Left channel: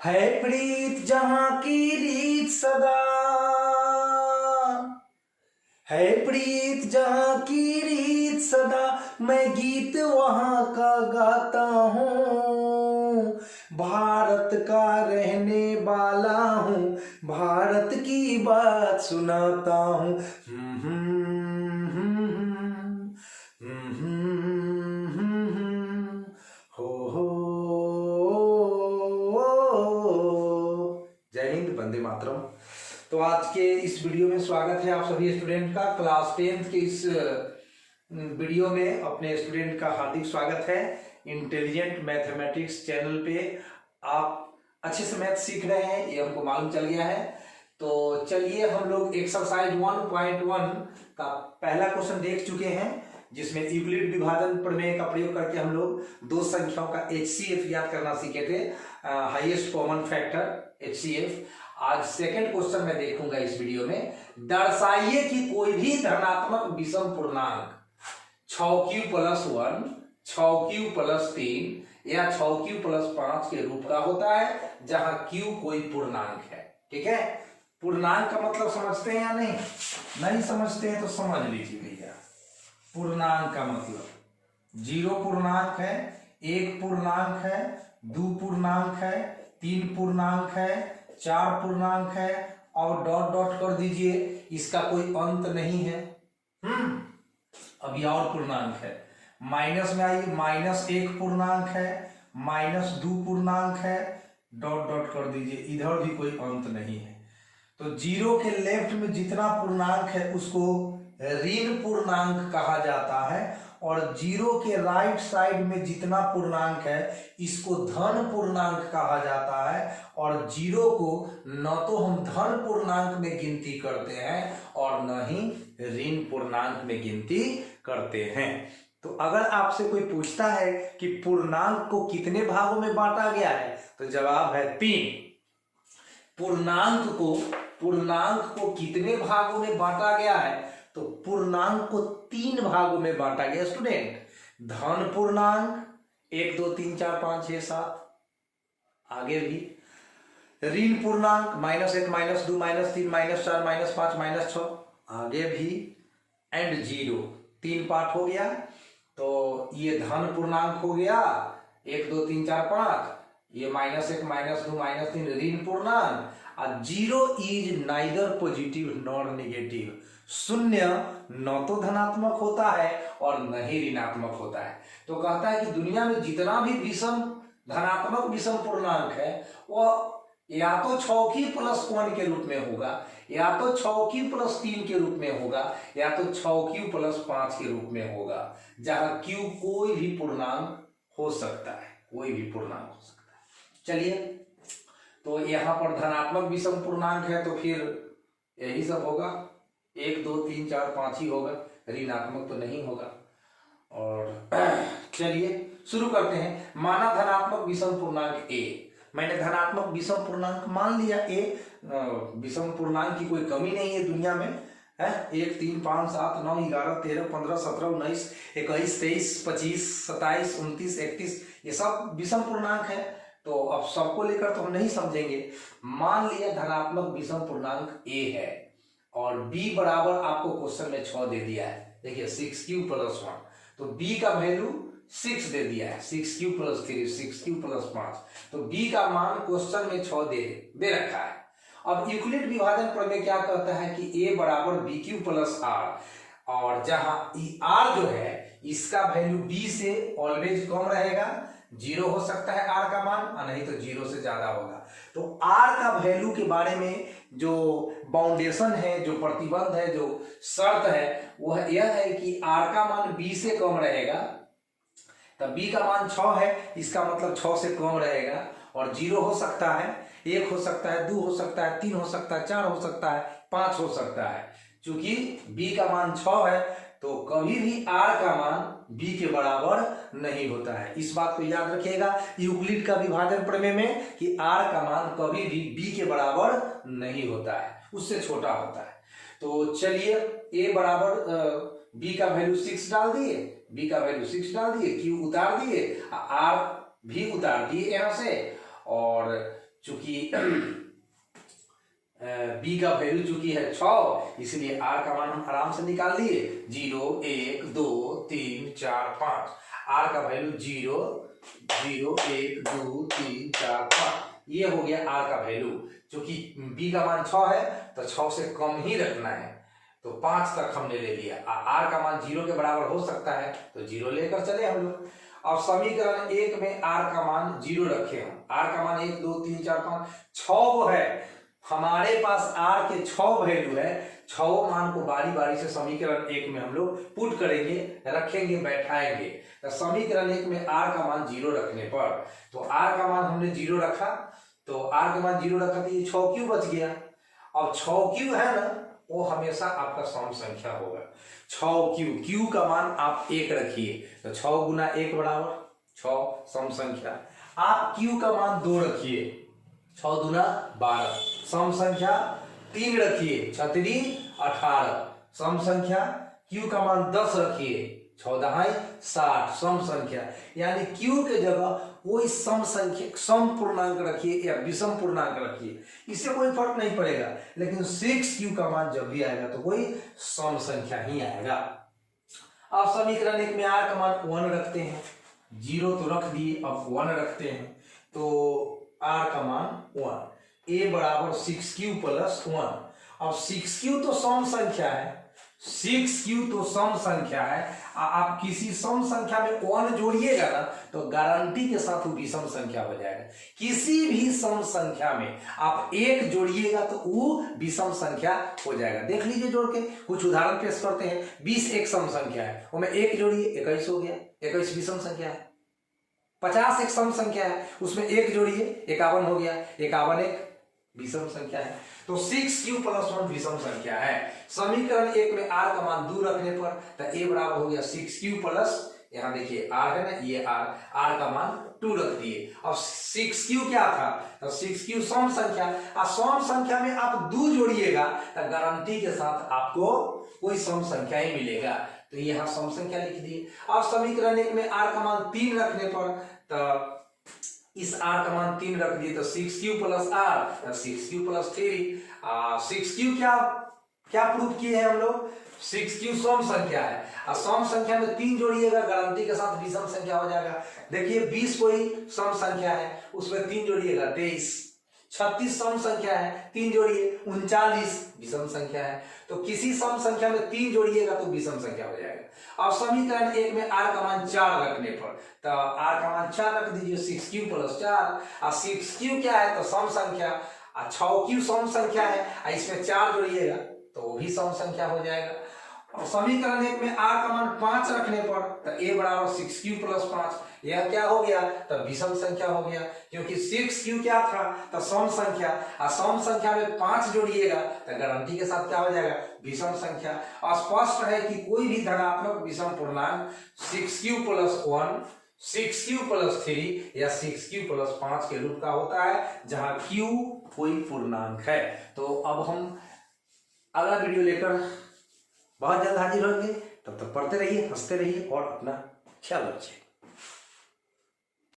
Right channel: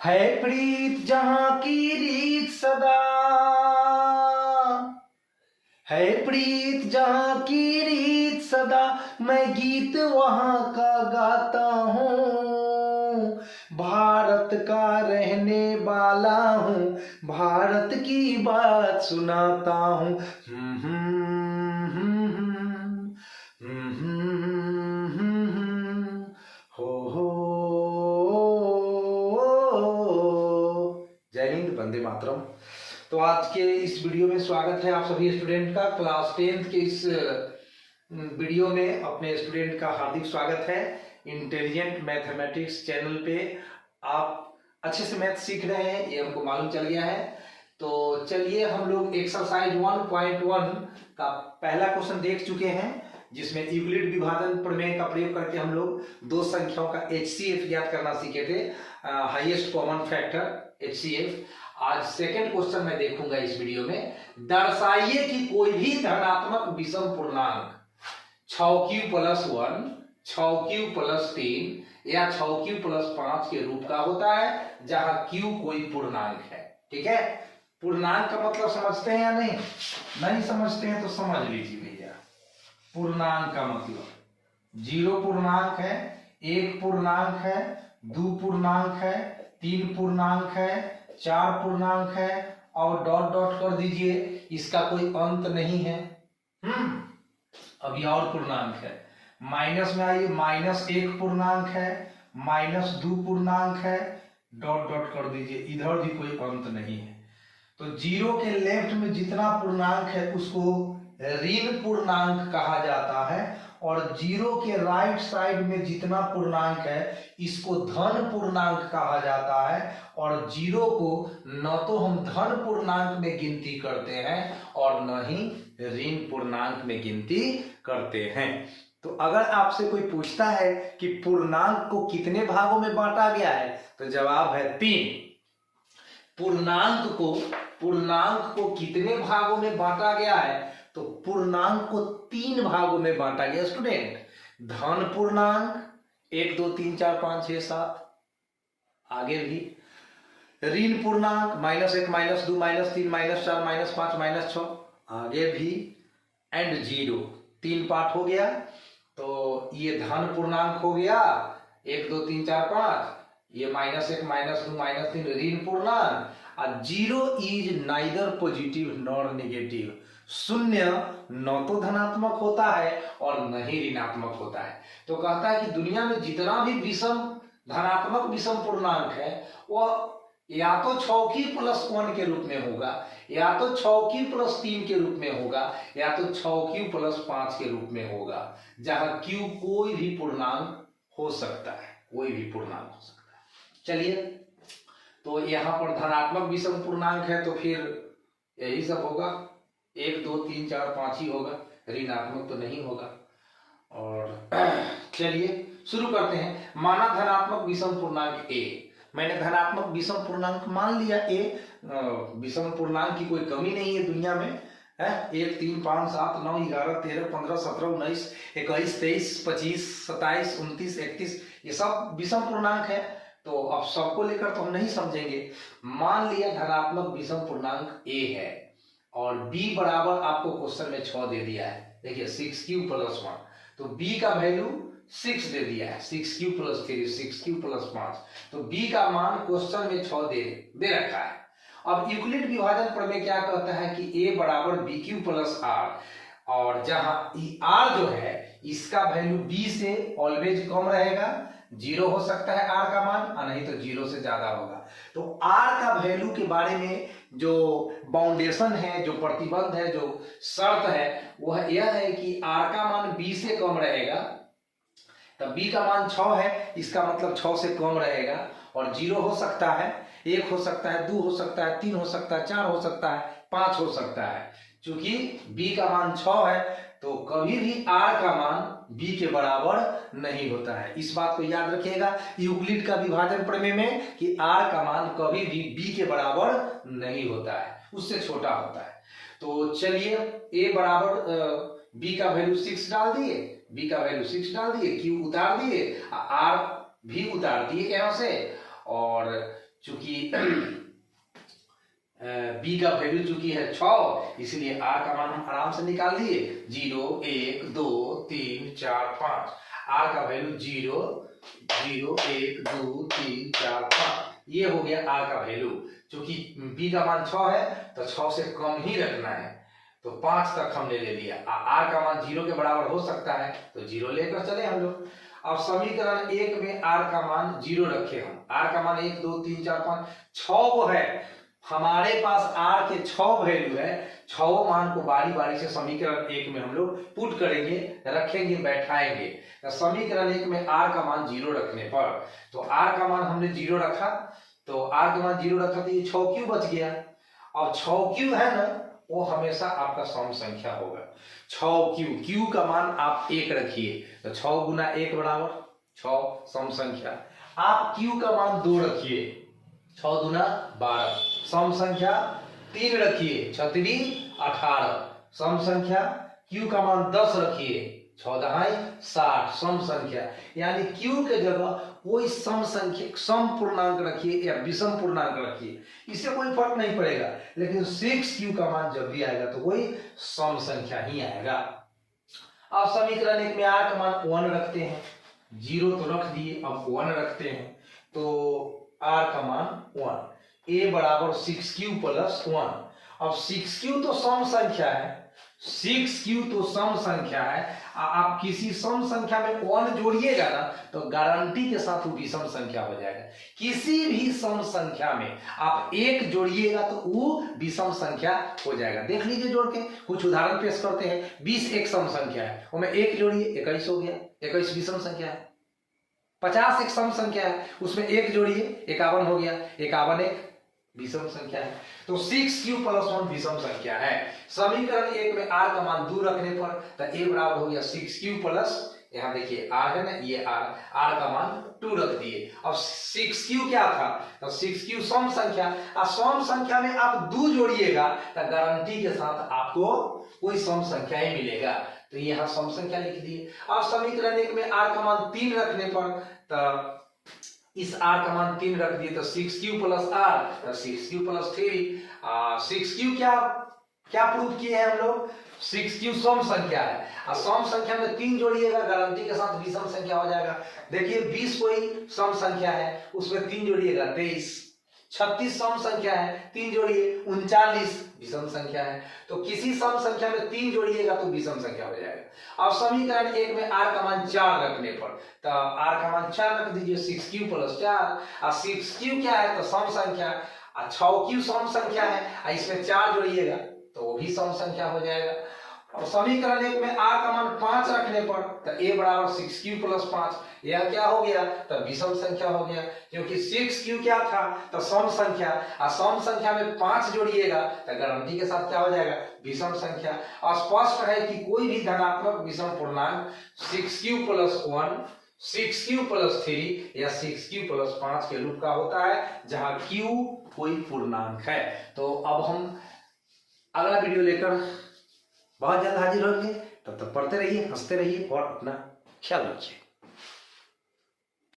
है प्रीत जहां की रीत सदा, है प्रीत जहां की रीत सदा, मैं गीत वहां का गाता हूँ। भारत का रहने वाला हूँ, भारत की बात सुनाता हूँ। हो जय हिंद, वंदे मातरम। तो आज के इस वीडियो में स्वागत है आप सभी स्टूडेंट का। क्लास 10th के इस वीडियो में अपने स्टूडेंट का हार्दिक स्वागत है। इंटेलिजेंट मैथमेटिक्स चैनल पे आप अच्छे से मैथ सीख रहे हैं, ये हमको मालूम चल गया है। तो चलिए हम लोग एक्सरसाइज 1.1 का पहला क्वेश्चन देख चुके हैं, जिसमें यूक्लिड विभाजन प्रमेय का प्रयोग करके हम लोग दो संख्याओं का HCF ज्ञात करना सीखे थे, हाईएस्ट कॉमन फैक्टर HCF। आज सेकंड क्वेश्चन मैं देखूंगा इस वीडियो में। दर्शाइए कि कोई भी धनात्मक विषम पूर्णांक 6q+1, 6q+3 या 6q+5 के रूप का होता है, जहां q कोई पूर्णांक है। ठीक है, पूर्णांक का मतलब समझते हैं या नहीं? नहीं समझते हैं तो समझ लीजिए भैया। पूर्णांक का मतलब 0 पूर्णांक है, 1 पूर्णांक है, 2 पूर्णांक है, 3 पूर्णांक है, 4 पूर्णांक है और डॉट डॉट कर दीजिए, इसका कोई अंत नहीं है। अभी और पूर्णांक है, माइनस में आइए, -1 पूर्णांक है, -2 पूर्णांक है, डॉट डॉट कर दीजिए, इधर भी कोई अंत नहीं है। तो 0 के लेफ्ट में जितना पूर्णांक है उसको ऋण पूर्णांक कहा जाता है, और 0 के राइट साइड में जितना पूर्णांक है इसको धन पूर्णांक कहा जाता है। और 0 को न तो हम धन पूर्णांक में गिनती करते हैं और न ही ऋण पूर्णांक में गिनती करते हैं। तो अगर आपसे कोई पूछता है कि पूर्णांक को कितने भागों में बांटा गया है, तो जवाब है 3। पूर्णांक को कितने भागों में बांटा गया है? तो पूर्णांक को 3 भागों में बांटा गया स्टूडेंट। धन पूर्णांक 1 2 3 4 5 6 7, आगे भी ऋण पूर्णांक -1 -2 -3 -4 -5 -6, आगे भी, एंड 0। 3 पार्ट हो गया। तो ये धन पूर्णांक हो गया 1 2 3 4 5, ये -1 -2 -3 ऋण पूर्णांक। 0 is neither positive nor negative. शून्य न तो धनात्मक होता है और न ही ऋणात्मक होता है। तो कहता है कि दुनिया में जितना भी विषम धनात्मक विषम पूर्णांक है वह या तो 6q+1 के रूप में होगा, या तो 6q+3 के रूप में होगा, या तो 6q+5 के रूप में होगा, जहां q कोई भी पूर्णांक हो सकता है, कोई भी पूर्णांक हो सकता है। चलिए, तो यहां पर धनात्मक विषम पूर्णांक है तो फिर यही सब होगा, 1 2 3 4 5 ही होगा, ऋणात्मक तो नहीं होगा। और चलिए शुरू करते हैं। माना धनात्मक विषम पूर्णांक a। मैंने धनात्मक विषम पूर्णांक मान लिया a। विषम पूर्णांक की कोई कमी नहीं है दुनिया में, है। 1 3 5 7 9 11 13 15 17 19 21 23 25 27 29 31, ये सब विषम पूर्णांक है। तो अब सबको लेकर तो हम नहीं समझेंगे। मान लिया धनात्मक विषम पूर्णांक a है और b बराबर आपको क्वेश्चन में 6 दे दिया है। देखिए 6q+1, तो b का वैल्यू 6 दे दिया है, 6q+3 6q+5, तो b का मान क्वेश्चन में 6 दे रखा है। अब यूक्लिड विभाजन प्रमेय क्या कहता है कि a बराबर bq+r, और जहां r जो है इसका वैल्यू b से ऑलवेज कम रहेगा, 0 हो सकता है r का मान, और नहीं तो 0 से ज्यादा होगा। तो r का वैल्यू के बारे में जो बाउंडेशन है, जो प्रतिबंध है, जो शर्त है, वह यह है कि r का मान b से कम रहेगा। तब b का मान 6 है, इसका मतलब 6 से कम रहेगा, और 0 हो सकता है, 1 हो सकता है, 2 हो सकता है, 3 हो सकता है, 4 हो सकता है, 5 हो सकता है। चूंकि b का मान 6 है तो कभी भी r का मान b के बराबर नहीं होता है। इस बात को याद रखिएगा यूक्लिड का विभाजन प्रमेय में कि r का मान कभी भी b के बराबर नहीं होता है, उससे छोटा होता है। तो चलिए a बराबर b का वैल्यू 6 डाल दिए, b का वैल्यू 6 डाल दिए, q उतार दिए, r भी उतार दिए यहां से। और चूंकि बी का वैल्यू चूंकि है 6, इसलिए आर का मान हम आराम से निकाल दिए 0 1 2 3 4 5। आर का वैल्यू 0 0 1 2 3 4 5, ये हो गया आर का वैल्यू। चूंकि बी का मान 6 है तो 6 से कम ही रखना है, तो 5 तक हमने ले लिया। आर का मान 0 के बराबर हो सकता है तो 0 लेकर चले हम लोग। अब समीकरण 1 में आर का मान 0 रखे हम। आर का मान 1 2 3 4 5 6 वो है हमारे पास, आर के 6 वैल्यू है। 6 मान को बारी बारी से समीकरण 1 में हम लोग पुट करेंगे, रखेंगे, बैठाएंगे। तो समीकरण 1 में आर का मान 0 रखने पर, तो आर का मान हमने 0 रखा, तो आर का मान 0 रखा तो ये 6 क्यू बच गया। और 6 क्यू है ना, वो हमेशा आपका सम संख्या होगा। 6 क्यू, क्यू का मान आप 1 रखिए, तो 6 गुना 1 बराबर 6 सम संख्या। आप क्यू का मान 2 रखिए, 6 दुना 12 सम संख्या। 3 रखिए, 6 3 18 सम संख्या। क्यू का मान 10 रखिए, 6 दहाई 60 सम संख्या। यानी क्यू के जगह कोई सम संख्या, सम पूर्णांक रखिए या विषम पूर्णांक रखिए, इससे कोई फर्क नहीं पड़ेगा। लेकिन 6 क्यू का मान जब भी आएगा तो कोई सम संख्या ही आएगा। अब समीकरण 1 में आर का मान 1 रखते हैं, 0 तो रख दिए, अब 1 रखते हैं, तो आर का मान 1, ए बराबर 6q प्लस 1। अब 6q तो सम संख्या है, 6q तो सम संख्या है। आप किसी सम संख्या में 1 जोड़िएगा ना तो गारंटी के साथ वो विषम संख्या हो जाएगा। किसी भी सम संख्या में आप 1 जोड़िएगा तो वो विषम संख्या हो जाएगा। देख लीजिए जोड़ के, कुछ उदाहरण पेश करते हैं। 20 एक सम संख्या है, वो में 1 जोड़िए 21 हो गया, 21 विषम संख्या है। 50 एक सम संख्या है, उसमें 1 जोड़िए 51 हो गया, 51 एक विषम संख्या है। तो 6q प्लस 1 विषम संख्या है। समीकरण 1 में r का मान 2 रखने पर तो a बराबर हो गया 6q प्लस, यहाँ देखिए r है ना, ये r का मान 2 रख दिए। अब 6q क्या था, तो 6q सम संख्या। सम संख्या में आप 2 जोड़िएगा तो गारंटी के साथ आपको कोई सम संख्या ही मिलेगा, तो यहाँ सम संख्या लिख दिए। अब समीकरण 1 में r का मान 3 रखने पर, तो इस r का मान 3 रख दिए तो 6q plus r, 6q plus 3। 6q क्या प्रूफ किए हैं हम लोग, 6q सम संख्या है, और सम संख्या में 3 जोड़िएगा गारंटी के साथ विषम संख्या हो जाएगा। देखिए 20 कोई सम संख्या है, उसमें 3 जोड़िएगा 23। 36 सम संख्या है, 3 जोड़िए 39 विषम संख्या है। तो किसी सम संख्या में 3 जोड़िएगा तो विषम संख्या हो जाएगा। अब समीकरण 1 में r का मान 4 रखने पर, तो r का मान 4 रख दीजिए, 6q प्लस 4। और 6q क्या है, तो सम संख्या, और 6q सम संख्या है, इसमें 4 जोड़िएगा तो वो भी सम संख्या हो जाएगा। और समीकरण 1 में r का मान 5 रखने पर, तो a बराबर 6q प्लस 5, यह क्या हो गया, तो विषम संख्या हो गया। क्योंकि 6q क्या था, तो सम संख्या, और सम संख्या में 5 जोड़िएगा तो गारंटी के साथ क्या हो जाएगा, विषम संख्या। और स्पष्ट है कि कोई भी धनात्मक विषम पूर्णांक 6q प्लस 1, 6q प्लस 3 या 6q प्लस 5 के रूप का होता है, जहां q कोई पूर्णांक है। तो अब हम अगला वीडियो लेकर बहुत जल्द हाजिर होंगे। तब तक पढ़ते रहिए, हंसते रहिए और अपना ख्याल रखिए।